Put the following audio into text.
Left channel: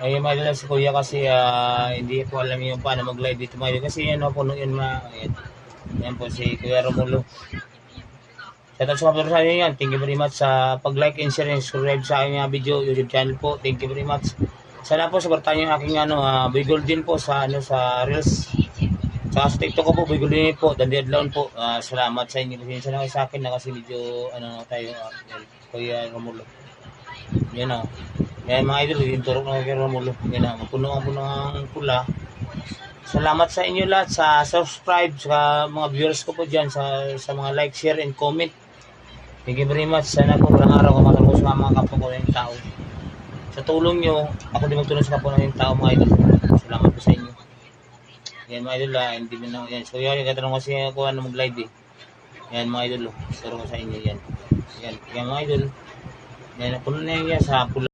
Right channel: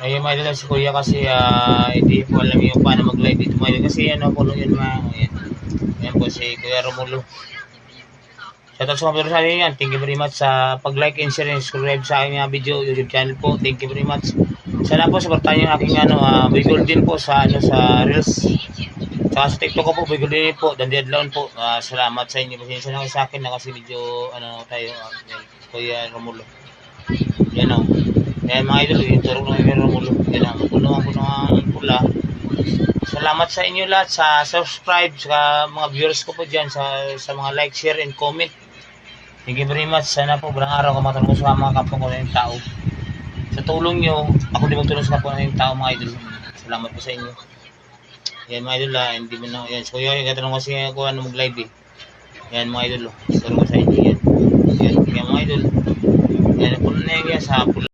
Ayun mga idol, si Kuya kasi hindi po alam yung paano mag-live dito mga idol. Kasi ano po yun mga, ayan. Ayan po si Kuya Romulo. Shoutout sa mga sa akin yan. Thank you very much sa pag-like and share and subscribe sa aking video, YouTube channel po. Thank you very much. Sana po supportahan yung aking Bigol din po sa sa Reels. Saka sa TikTok ko po, Bigol din po, Dandiadlaon po. Salamat sa inyo. Pasensya na kayo sa akin na kasi medyo tayo, Kuya Romulo. Yan o. Yan mga idol, yung turok ng Kuya Romulo. Yan o, puno ang pula. Salamat sa inyo lahat sa subscribe, sa mga viewers ko po dyan, sa mga like, share, and comment. Thank you very much. Sana po walang araw kumatulong ko sa mga kapwa ko na yung tao. Sa tulong nyo, ako din magtulong sa kapwa na yung tao mga idol. Salamat po sa inyo. Yan mga idol hindi mo na, yan. So yun, katanong kasi ako mag-live eh. Yan mga idol, tulong ko sa inyo yan. Yan mga idol. Yan, puno na yan sa pula.